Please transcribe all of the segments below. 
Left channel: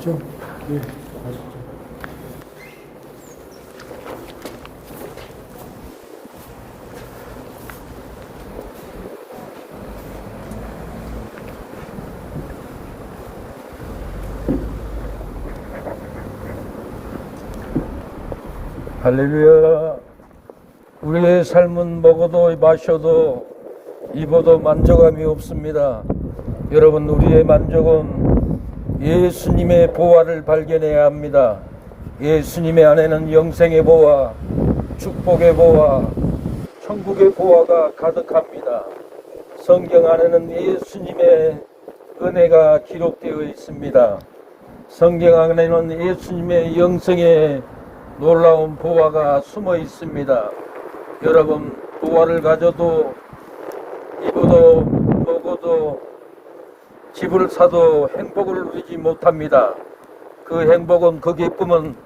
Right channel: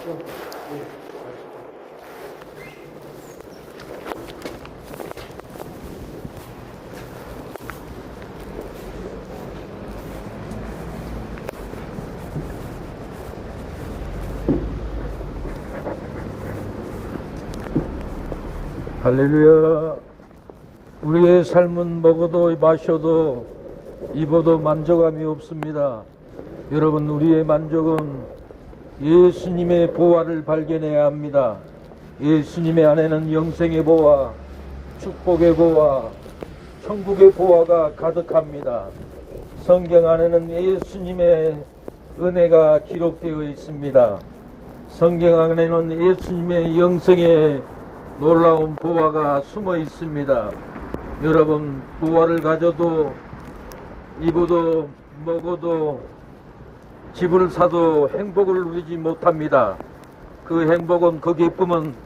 가시죠. 네, 가시죠. 할렐루야. 우리의 삶은 먹어도 마셔도 입어도 만족함이 없습니다. 여러분, 우리의 만족은 예수님의 보화를 발견해야 합니다. 예수님의 안에는 영생의 보화, 축복의 보화, 천국의 보화가 가득합니다. 성경 안에는 예수님의 은혜가 기록되어 있습니다. 성경 안에는 예수님의 영생의 놀라운 보화가 숨어 있습니다. 여러분, 보화를 가져도 입어도 먹어도 집을 사도 행복을 누리지 못합니다. 그 행복은, 그 기쁨은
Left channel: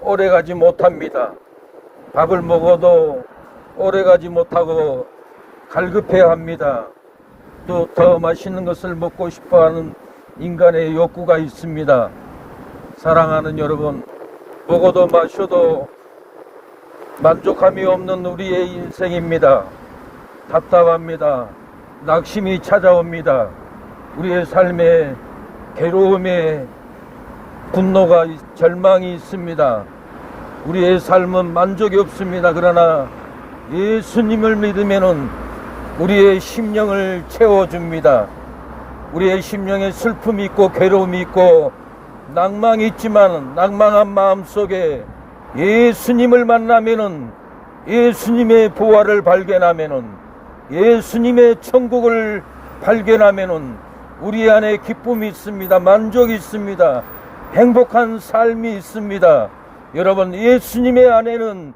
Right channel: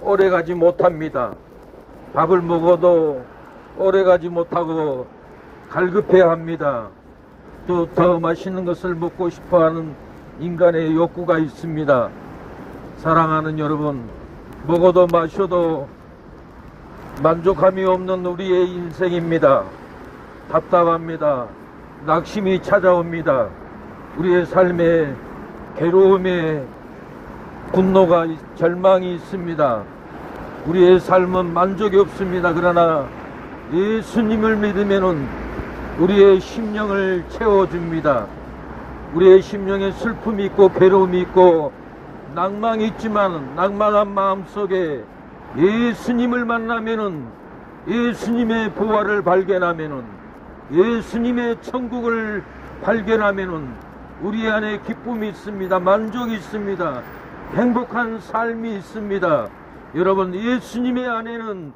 오래가지 못합니다. 밥을 먹어도 오래가지 못하고 갈급해야 합니다. 또 더 맛있는 것을 먹고 싶어하는 인간의 욕구가 있습니다. 사랑하는 여러분, 먹어도 마셔도 만족함이 없는 우리의 인생입니다. 답답합니다. 낙심이 찾아옵니다. 우리의 삶에 괴로움에 분노가, 절망이 있습니다. 우리의 삶은 만족이 없습니다. 그러나 예수님을 믿으면은 우리의 심령을 채워줍니다. 우리의 심령에 슬픔이 있고 괴로움이 있고 낭망이 있지만, 낭망한 마음 속에 예수님을 만나면은, 예수님의 보화를 발견하면은, 예수님의 천국을 발견하면은 우리 안에 기쁨이 있습니다. 만족이 있습니다. 행복한 삶이 있습니다. 여러분, 예수님의 안에는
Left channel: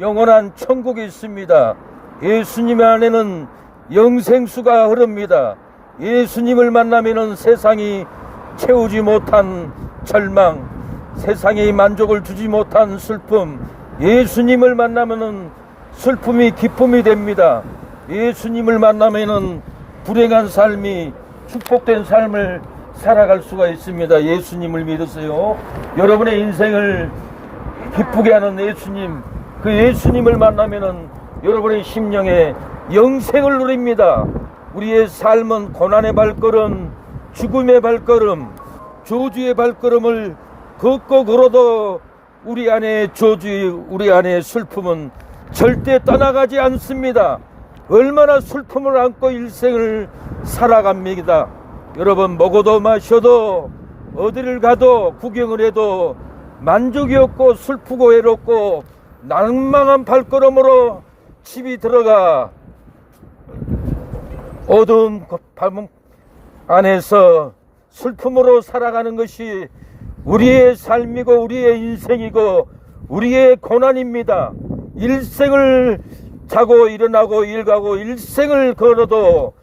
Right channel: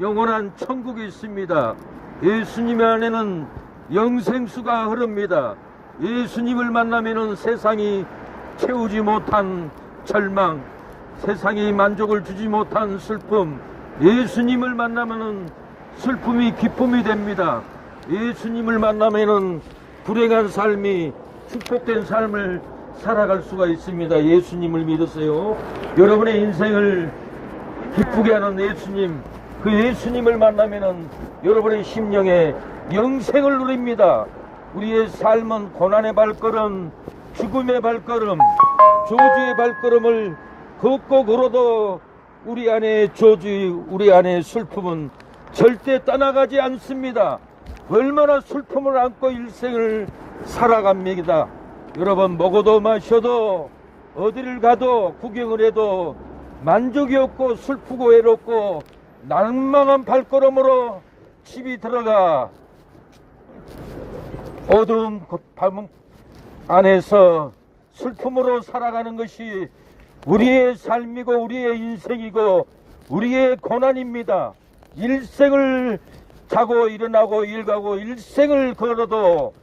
영원한 천국이 있습니다. 예수님의 안에는 영생수가 흐릅니다. 예수님을 만나면은 세상이 채우지 못한 절망, 세상에 만족을 주지 못한 슬픔, 예수님을 만나면은 슬픔이 기쁨이 됩니다. 예수님을 만나면은 불행한 삶이 축복된 삶을 살아갈 수가 있습니다. 예수님을 믿으세요. 여러분의 인생을 기쁘게 하는 예수님, 그 예수님을 만나면은 여러분의 심령에 영생을 누립니다. 우리의 삶은 고난의 발걸음, 죽음의 발걸음, 저주의 발걸음을 걷고 걸어도 우리 안에 저주, 우리 안에 슬픔은 절대 떠나가지 않습니다. 얼마나 슬픔을 안고 일생을 살아갑니다. 여러분, 먹어도 마셔도 어디를 가도 구경을 해도 만족이 없고 슬프고 외롭고 낭망한 발걸음으로 집이 들어가 어두운 밤 안에서 슬픔으로 살아가는 것이 우리의 삶이고 우리의 인생이고 우리의 고난입니다. 일생을 자고 일어나고 일가고 일생을 걸어도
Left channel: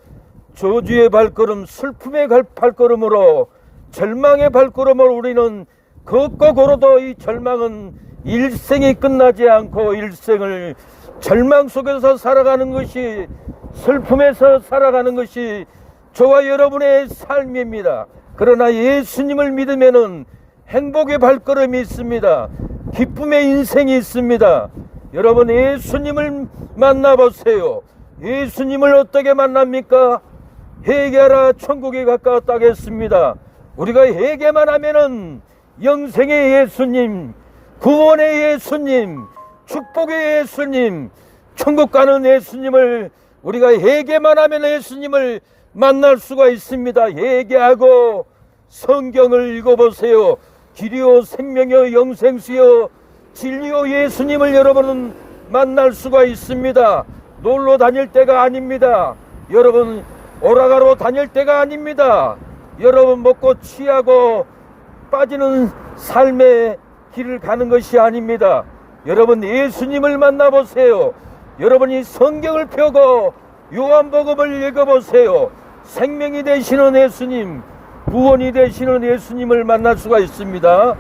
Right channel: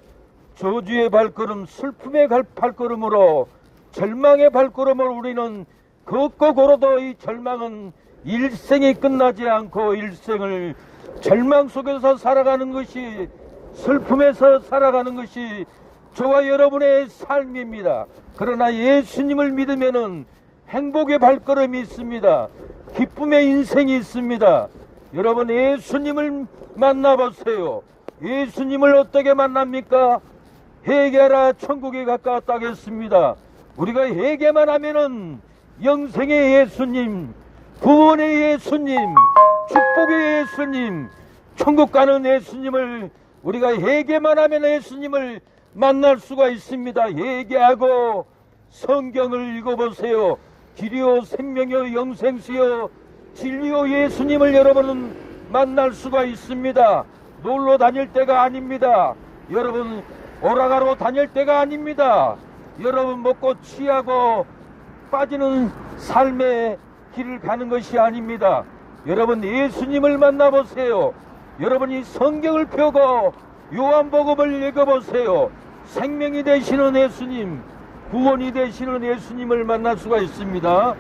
저주의 발걸음, 슬픔의 발걸음으로, 절망의 발걸음으로 우리는 걷고 걸어도 이 절망은 일생이 끝나지 않고 일생을 절망 속에서 살아가는 것이, 슬픔에서 살아가는 것이 저와 여러분의 삶입니다. 그러나 예수님을 믿으면은 행복의 발걸음이 있습니다. 기쁨의 인생이 있습니다. 여러분, 예수님을 만나보세요. 예수님을 어떻게 만납니까? 회개하라, 천국이 가까웠다 하겠습니다. 우리가 회개만 하면은 영생의 예수님, 구원의 예수님, 축복의 예수님, 천국 가는 예수님을, 우리가 회개만 하면 예수님을 만날 수가 있습니다. 회개하고 성경을 읽어보세요. 길이요 생명이요 영생수요 진리요 예수님을 여러분은 만날 수가 있습니다. 놀러 다닐 때가 아닙니다. 여러분, 오락가로 다닐 때가 아닙니다. 여러분, 먹고 취하고 빠지는 삶의 길을 가는 것이 아닙니다. 여러분, 예수님을 만나보세요. 여러분이 성경을 펴고 요한복음을 읽어보세요. 생명이 되시는 예수님, 구원이 되시는 예수님을 만날 수가 있습니다.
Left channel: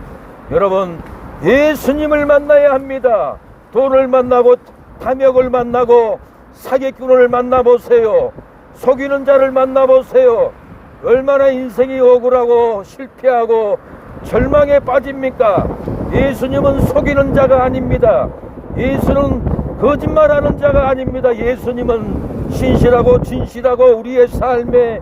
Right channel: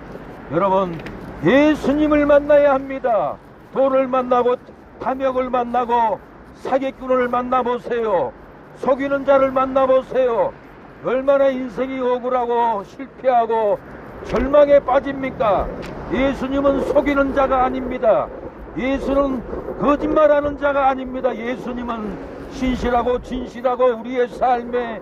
여러분, 예수님을 만나야 합니다. 돈을 만나고 탐욕을 만나고 사기꾼을 만나보세요. 속이는 자를 만나보세요. 얼마나 인생이 억울하고 실패하고 절망에 빠집니까? 예수님은 속이는 자가 아닙니다. 예수는 거짓말하는 자가 아닙니다. 예수님은 신실하고 진실하고 우리의 삶에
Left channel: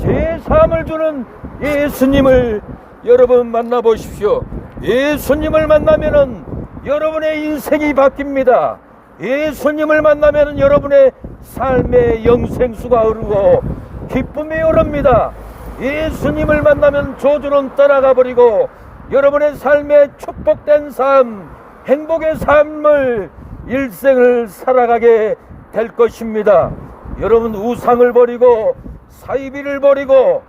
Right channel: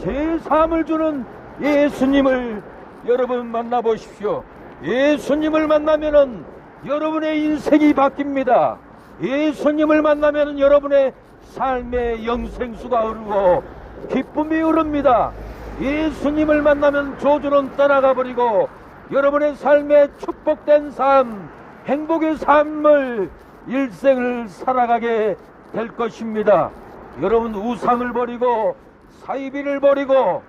제사함을 주는 예수님을 여러분 만나보십시오. 예수님을 만나면은 여러분의 인생이 바뀝니다. 예수님을 만나면은 여러분의 삶의 영생수가 흐르고 기쁨이 흐릅니다. 예수님을 만나면 저주는 떠나가 버리고 여러분의 삶에 축복된 삶, 행복의 삶을 일생을 살아가게 될 것입니다. 여러분 우상을 버리고 사이비를 버리고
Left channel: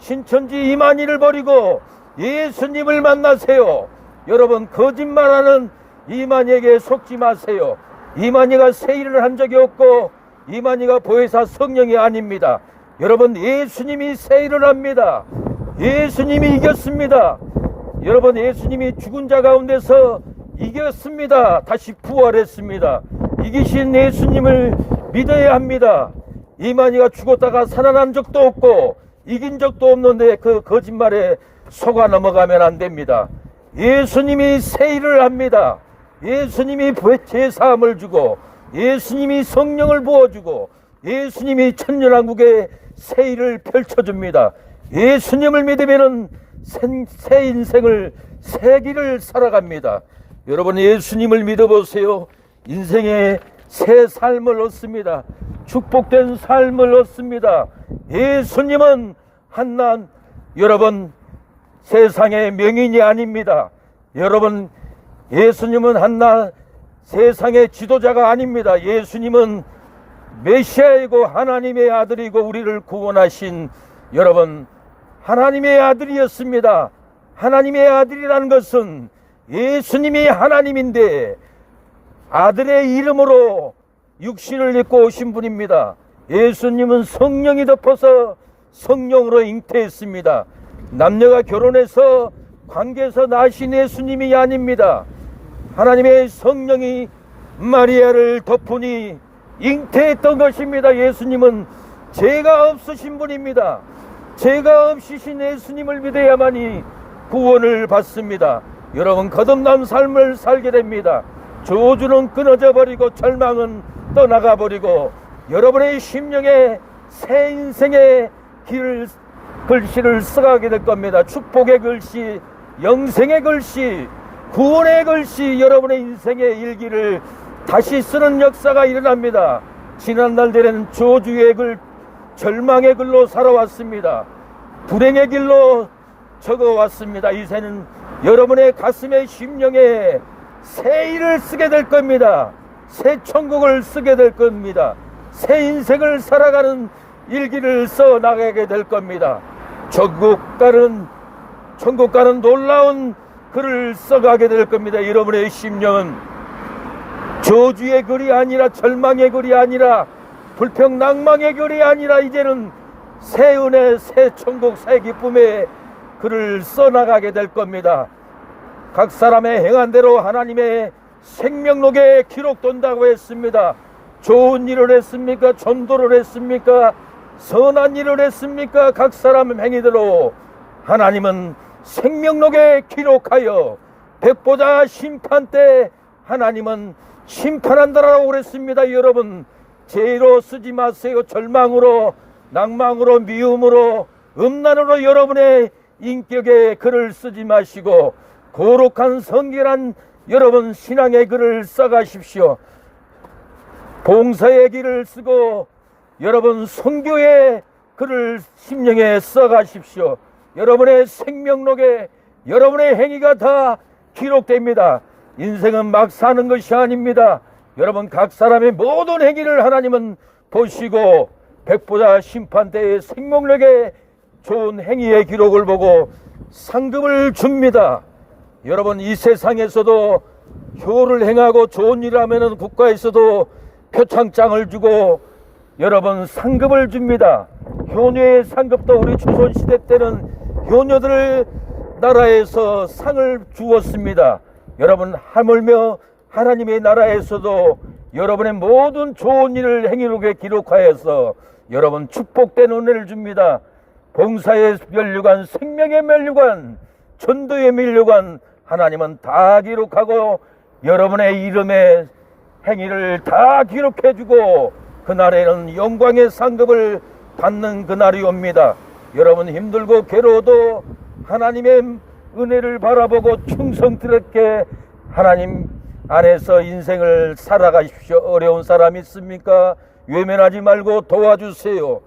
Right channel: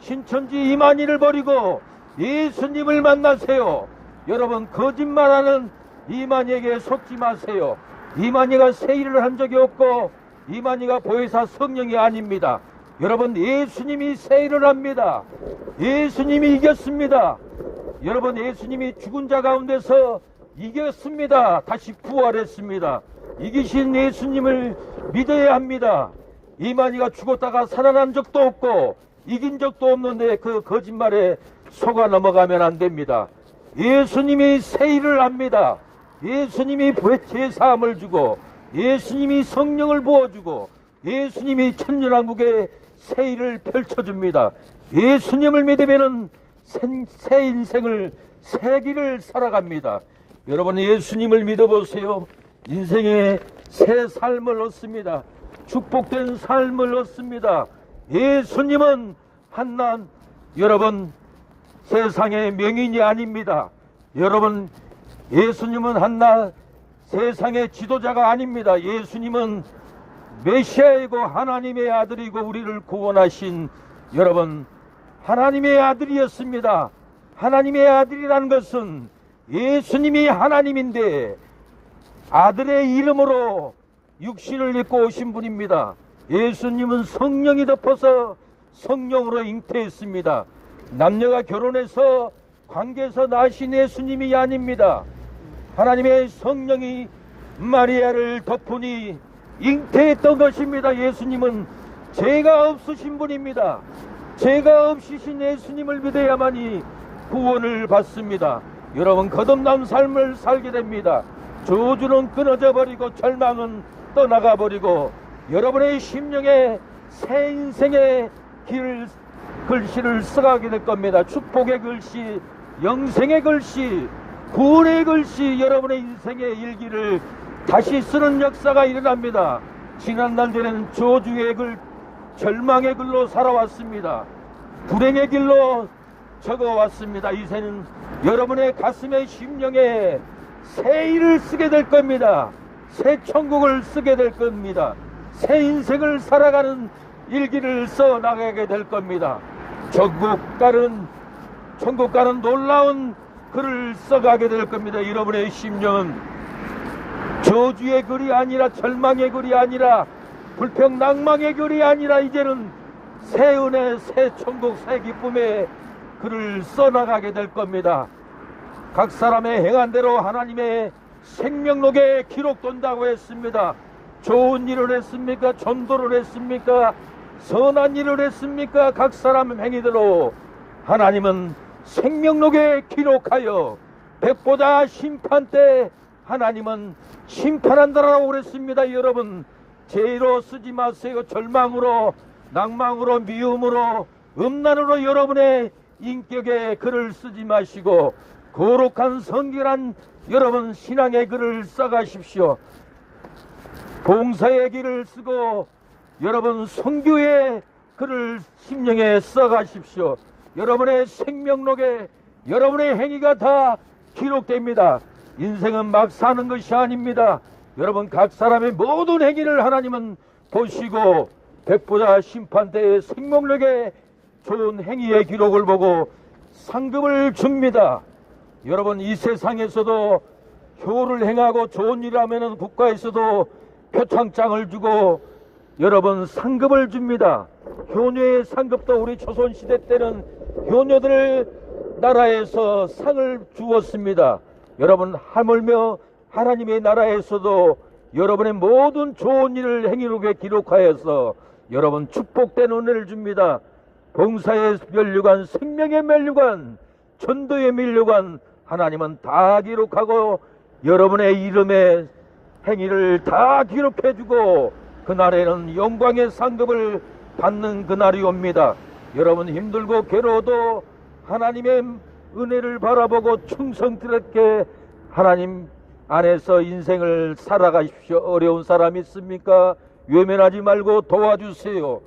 신천지 이만희를 버리고 예수님을 만나세요. 여러분 거짓말하는 이만희에게 속지 마세요. 이만희가 새 일을 한 적이 없고 이만희가 보혜사 성령이 아닙니다. 여러분 예수님이 새 일을 합니다. 예수님이 이겼습니다. 여러분 예수님이 죽은 자 가운데서 이겼습니다. 다시 부활했습니다. 이기신 예수님을 믿어야 합니다. 이만희가 죽었다가 살아난 적도 없고 이긴 적도 없는데 그 거짓말에 속아 넘어가면 안 됩니다. 예수님이 새 일을 합니다. 예수님이 제사함을 주고 예수님이 성령을 부어주고 예수님이 천년왕국의 새 일을 펼쳐줍니다. 예수님을 믿으면 새 인생을 새 길을 살아갑니다. 여러분 예수님을 믿어보세요. 인생의 새 삶을 얻습니다. 축복된 삶을 얻습니다. 예수님은 한낱 여러분 세상의 명인이 아닙니다. 여러분 예수님은 한낱 세상의 지도자가 아닙니다. 예수님은 메시아이고 하나님의 아들이고 우리를 구원하신 여러분 하나님의 아들이었습니다. 하나님의 아들이라는 것은 예수님이 하나님인데 아들의 이름으로 육신을 입고 오신 분입니다. 예수님은 성령이 덮어서 성령으로 잉태했습니다. 남녀가 결혼해서 관계에서 나신 예수님이 아닙니다. 하나님의 성령이 마리아를 덮으니 잉태했던 것입니다. 예수님은 죄가 없으신 분입니다. 죄가 없으신 예수님을 믿어야만이 구원을 받습니다. 여러분 거듭난 삶을 살게 됩니다. 저주는 끊어져 버리고 절망은 떠나가 버리고 여러분의 심령에 새 인생의 글씨를 써가게 될 겁니다. 축복의 글씨, 영생의 글씨, 구원의 글씨, 여러분의 인생의 일기를 다시 쓰는 역사가 일어납니다. 지난날들은 저주의 글, 절망의 글로 살아왔습니다. 불행의 길로 적어왔습니다. 이제는 여러분의 가슴의 심령에 새 일을 쓰게 될 겁니다. 새 천국을 쓰게 될 겁니다. 새 인생을 살아가는 일기를 써나가게 될 겁니다. 천국 가는 놀라운 글을 써가게 될 겁니다. 여러분의 심령은 저주의 글이 아니라 절망의 글이 아니라 불평낭망의 글이 아니라 이제는 새 은혜, 새 천국, 새 기쁨의 글을 써나가게 될 겁니다. 각 사람의 행한 대로 하나님의 생명록에 기록된다고 했습니다. 좋은 일을 했습니까? 전도를 했습니까? 선한 일을 했습니까? 각 사람 행위대로 하나님은 생명록에 기록하여 백보자 심판 때 하나님은 심판한다라고 그랬습니다. 여러분 죄로 쓰지 마세요. 절망으로, 낭망으로, 미움으로, 음란으로 여러분의 인격의 글을 쓰지 마시고 거룩한 성결한 여러분 신앙의 글을 써가십시오. 봉사의 길을 쓰고 여러분 선교의 글을 심령에 써가십시오. 여러분의 생명록에 여러분의 행위가 다 기록됩니다. 인생은 막 사는 것이 아닙니다. 여러분 각 사람의 모든 행위를 하나님은 보시고 백보자 심판대의 생명록에 좋은 행위의 기록을 보고 상급을 줍니다. 여러분 이 세상에서도 효를 행하고 좋은 일을 하면 국가에서도 표창장을 주고 여러분 상급을 줍니다. 효녀의 상급도 우리 조선시대 때는 효녀들 나라에서 상을 주었습니다. 여러분 하물며 하나님의 나라에서도 여러분의 모든 좋은 일을 행위록에 기록하여서 여러분 축복된 은혜를 줍니다. 봉사의 면류관, 생명의 면류관, 전도에 밀려간 하나님은 다 기록하고 여러분의 이름의 행위를 다 기록해주고 그날에는 영광의 상급을 받는 그날이 옵니다. 여러분 힘들고 괴로워도 하나님의 은혜를 바라보고 충성스럽게 하나님 안에서 인생을 살아가십시오. 어려운 사람 있습니까? 외면하지 말고 도와주세요.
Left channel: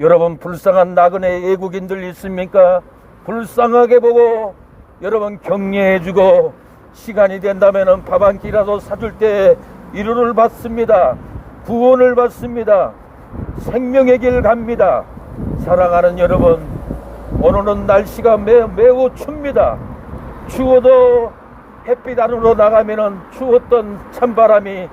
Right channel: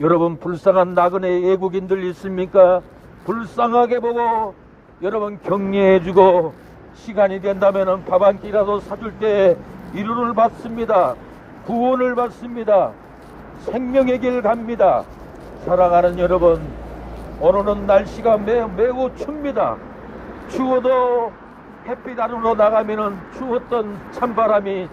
여러분 불쌍한 나그네 애국인들 있습니까? 불쌍하게 보고 여러분 격려해주고 시간이 된다면 밥 한 끼라도 사줄 때 위로를 받습니다. 구원을 받습니다. 생명의 길 갑니다. 사랑하는 여러분, 오늘은 날씨가 매우 춥니다. 추워도 햇빛 안으로 나가면은 추웠던 찬바람이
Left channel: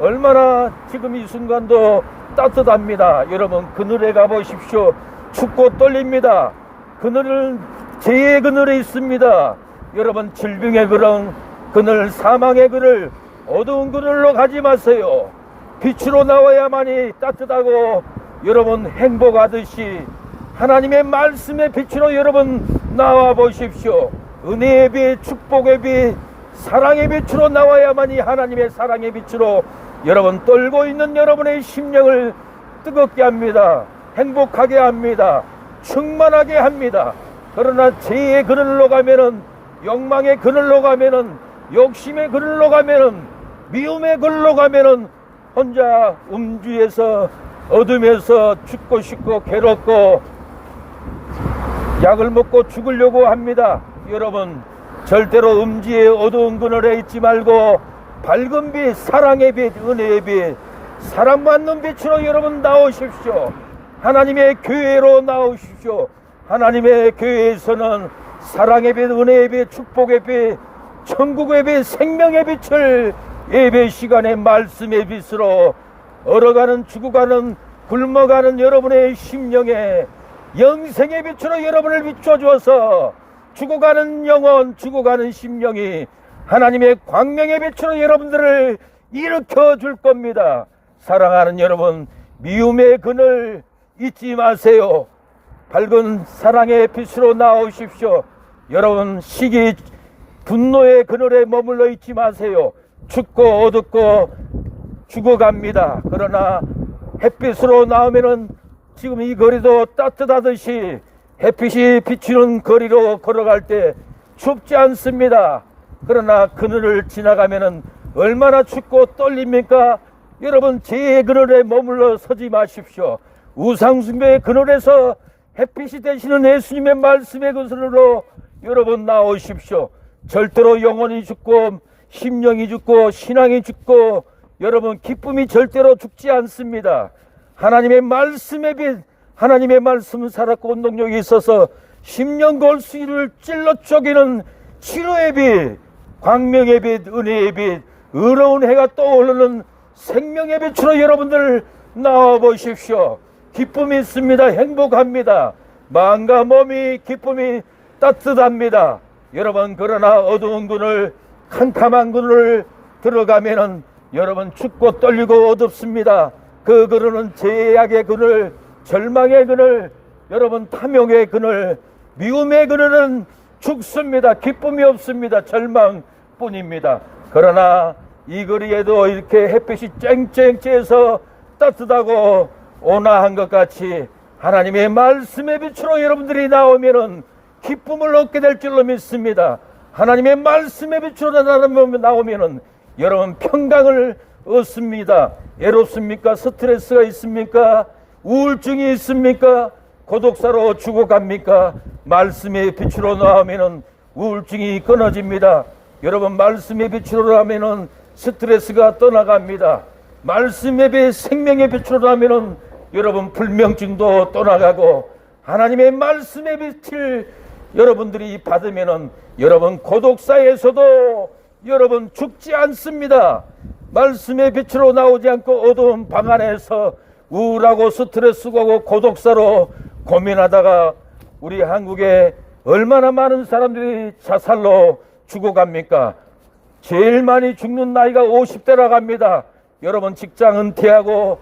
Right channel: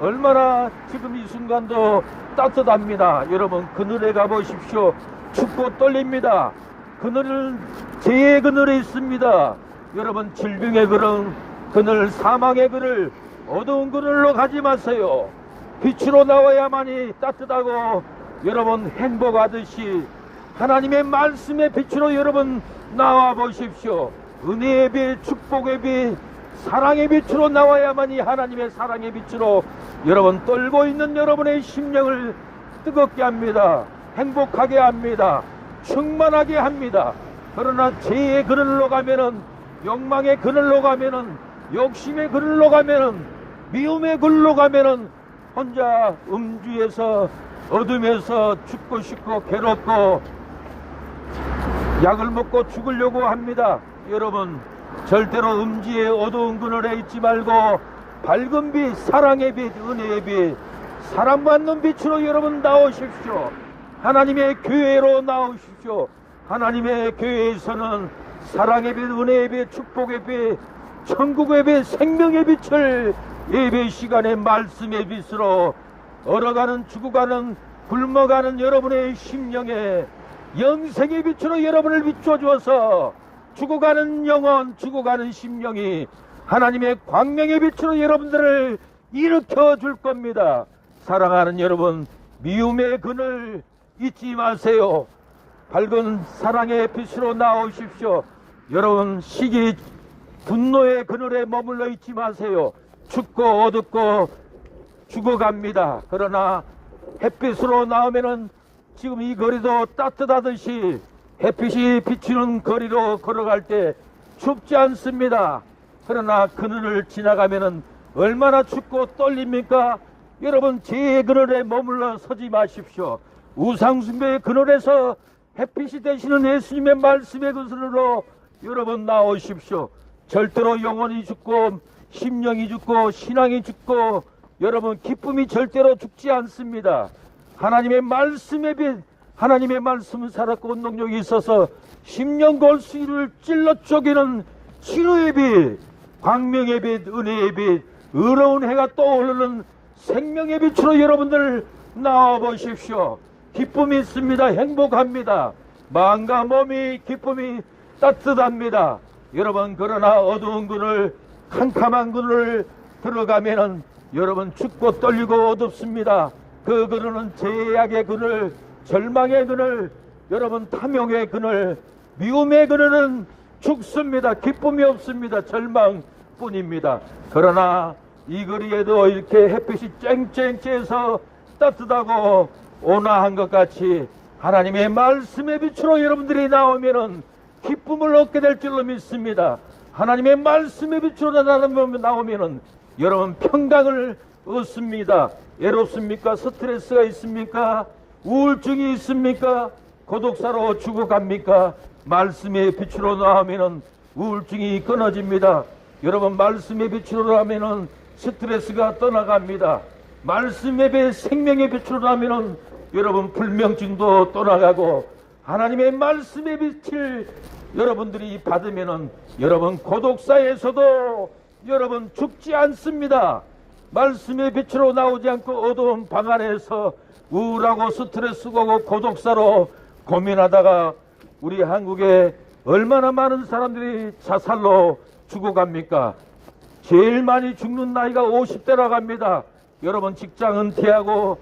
얼마나 지금 이 순간도 따뜻합니다. 여러분 그늘에 가보십시오. 춥고 떨립니다. 그늘은 죄의 그늘에 있습니다. 여러분 질병의 그늘, 사망의 그늘, 어두운 그늘로 가지 마세요. 빛으로 나와야만이 따뜻하고 여러분 행복하듯이 하나님의 말씀의 빛으로 여러분 나와 보십시오. 은혜의 빛, 축복의 빛, 사랑의 빛으로 나와야만이 하나님의 사랑의 빛으로 여러분 떨고 있는 여러분의 심령을 뜨겁게 합니다. 행복하게 합니다. 충만하게 합니다. 그러나 죄의 그늘로 가면은, 욕망의 그늘로 가면은, 욕심의 그늘로 가면은, 미움의 그늘로 가면은 혼자 음주에서 어둠에서 죽고 싶고 괴롭고 약을 먹고 죽으려고 합니다. 여러분 절대로 음지의 어두운 그늘에 있지 말고 밝은 빛, 사랑의 빛, 은혜의 빛, 사랑받는 빛으로 여러분 나오십시오. 하나님의 교회로 나오십시오. 하나님의 교회에서는 사랑의 빛, 은혜의 빛, 축복의 빛, 천국의 빛, 생명의 빛을 예배 시간에 말씀의 빛으로 얼어가는, 죽어가는, 굶어가는 여러분의 심령에 영생의 빛으로 여러분을 비춰주어서 죽어가는 영혼, 죽어가는 심령이 하나님의 광명의 빛으로 여러분들을 일으켜 줄 겁니다. 사랑하는 여러분, 미움의 그늘 잊지 마세요. 밝은 사랑의 빛으로 나오십시오. 여러분 시기, 분노의 그늘에 머물러 있지 마세요. 춥고 어둡고 죽어갑니다. 그러나 햇빛으로 나오면은 지금 이 거리도 따뜻하듯이 햇빛이 비치는 거리로 걸어갈 때 춥지 않습니다. 그러나 그늘을 지나가면은 얼마나 춥고 떨립니까? 여러분 죄의 그늘에 머물러 서지 마십시오. 우상숭배의 그늘에서 햇빛이 되시는 예수님의 말씀의 그늘로 여러분 나오십시오. 절대로 영혼이 죽고 심령이 죽고 신앙이 죽고 여러분 기쁨이 절대로 죽지 않습니다. 하나님의 말씀의 빛, 하나님의 말씀은 살았고 운동력이 있어서 심령 골수를 찔러 쪼개는 치료의 빛, 광명의 빛, 은혜의 빛, 의로운 해가 떠오르는 생명의 빛으로 여러분들 나와보십시오. 기쁨이 있습니다. 행복합니다. 마음과 몸이 기쁨이 따뜻합니다. 여러분 그러나 어두운 그늘, 캄캄한 그늘 들어가면은 여러분 춥고 떨리고 어둡습니다. 그 그늘은 죄악의 그늘, 절망의 그늘, 여러분 탐욕의 그늘, 미움의 그늘은 죽습니다. 기쁨이 없습니다. 절망뿐입니다. 그러나 이 거리에도 이렇게 햇빛이 쨍쨍 쬐서 따뜻하고 온화한 것 같이 하나님의 말씀의 빛으로 여러분들이 나오면은 기쁨을 얻게 될 줄로 믿습니다. 하나님의 말씀의 빛으로 나오면은 여러분 평강을 얻습니다. 외롭습니까? 스트레스가 있습니까? 우울증이 있습니까? 고독사로 죽어갑니까? 말씀의 빛으로 나오면은 우울증이 끊어집니다. 여러분 말씀의 빛으로 나오면은 스트레스가 떠나갑니다. 말씀의 빛, 생명의 빛으로 나오면은 여러분 불면증도 떠나가고 하나님의 말씀의 빛을 여러분들이 받으면은 여러분 고독사에서도 여러분 죽지 않습니다. 말씀의 빛으로 나오지 않고 어두운 방 안에서 우울하고 스트레스고 고독사로 고민하다가 우리 한국에 얼마나 많은 사람들이 자살로 죽어갑니까? 제일 많이 죽는 나이가 50대라고 합니다. 여러분 직장 은퇴하고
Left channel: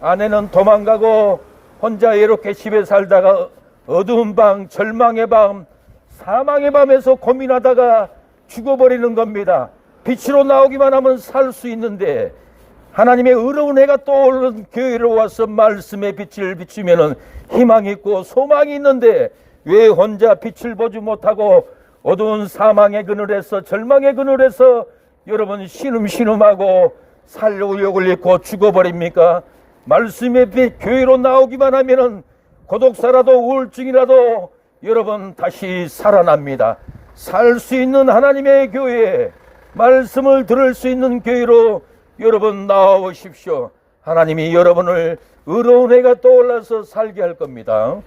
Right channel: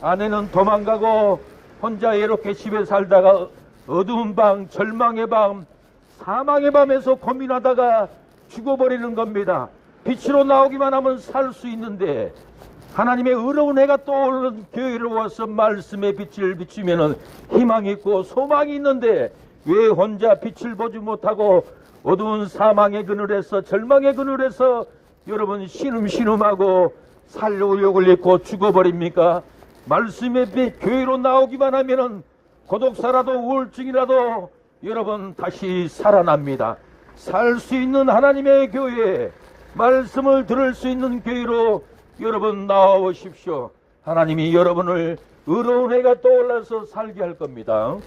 아내는 도망가고 혼자 이렇게 집에 살다가 어두운 방, 절망의 방, 사망의 밤에서 고민하다가 죽어버리는 겁니다. 빛으로 나오기만 하면 살 수 있는데 하나님의 의로운 해가 떠오르는 교회로 와서 말씀의 빛을 비추면 희망이 있고 소망이 있는데 왜 혼자 빛을 보지 못하고 어두운 사망의 그늘에서 절망의 그늘에서 여러분 신음신음하고 살려욕을 입고 죽어버립니까? 말씀의 빛 교회로 나오기만 하면은 고독사라도 우울증이라도 여러분 다시 살아납니다. 살 수 있는 하나님의 교회, 말씀을 들을 수 있는 교회로 여러분 나와오십시오. 하나님이 여러분을 의로운 해가 떠올라서 살게 할 겁니다.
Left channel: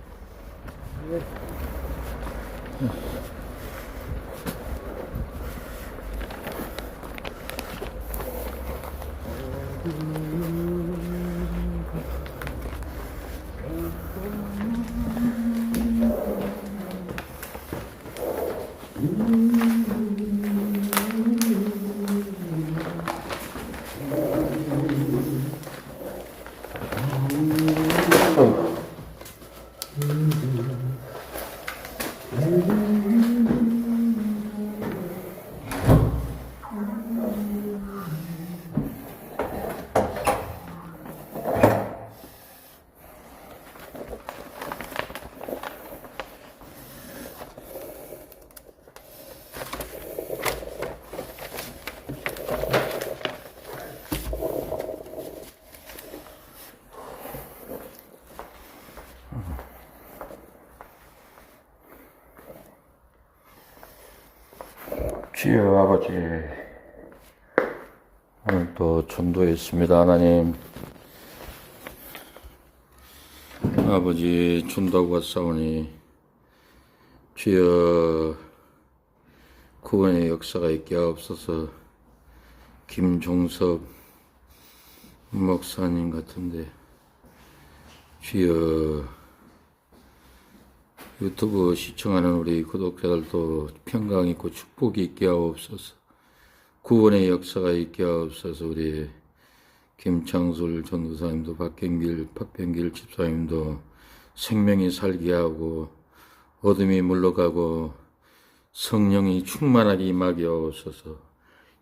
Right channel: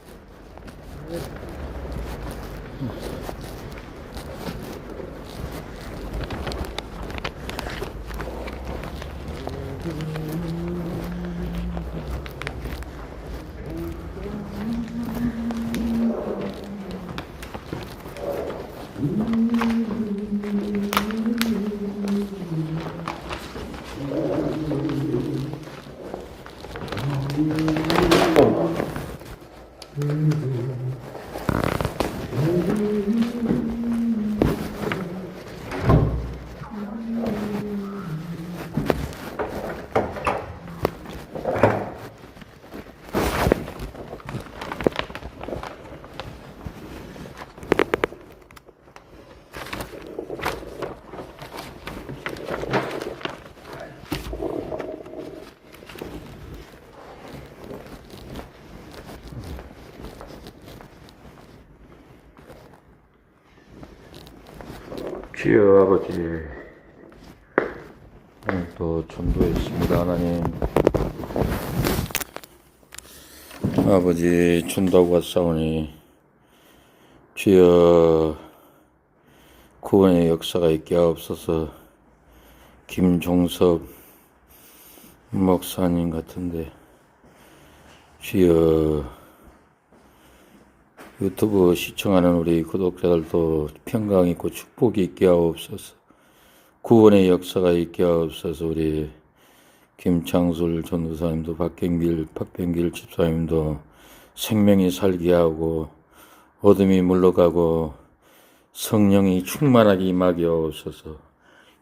주여 아버지, 오늘도 전도했습니다. 하나님 아버지, 전도하고 왔사오니 주여 구원의 역사가 있게 하옵소서. 김종섭 목사님 같은데 주여 유튜브 시청하는 우리 구독자들도 평강 있고 축복이 있게 하옵소서. 구원의 역사가 있게 하옵소서. 우리 김창술 전도사님도 박병길 집사님도 생명이 살게 하고 어둠이 물러가고 성령이 충만하게 임하게 하옵소서.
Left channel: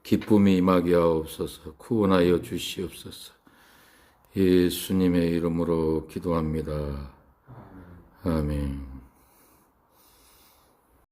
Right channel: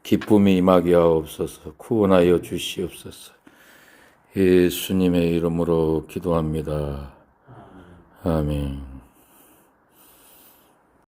기쁨이 임하게 하옵소서. 구원하여 주시옵소서. 예수님의 이름으로 기도합니다. 아멘.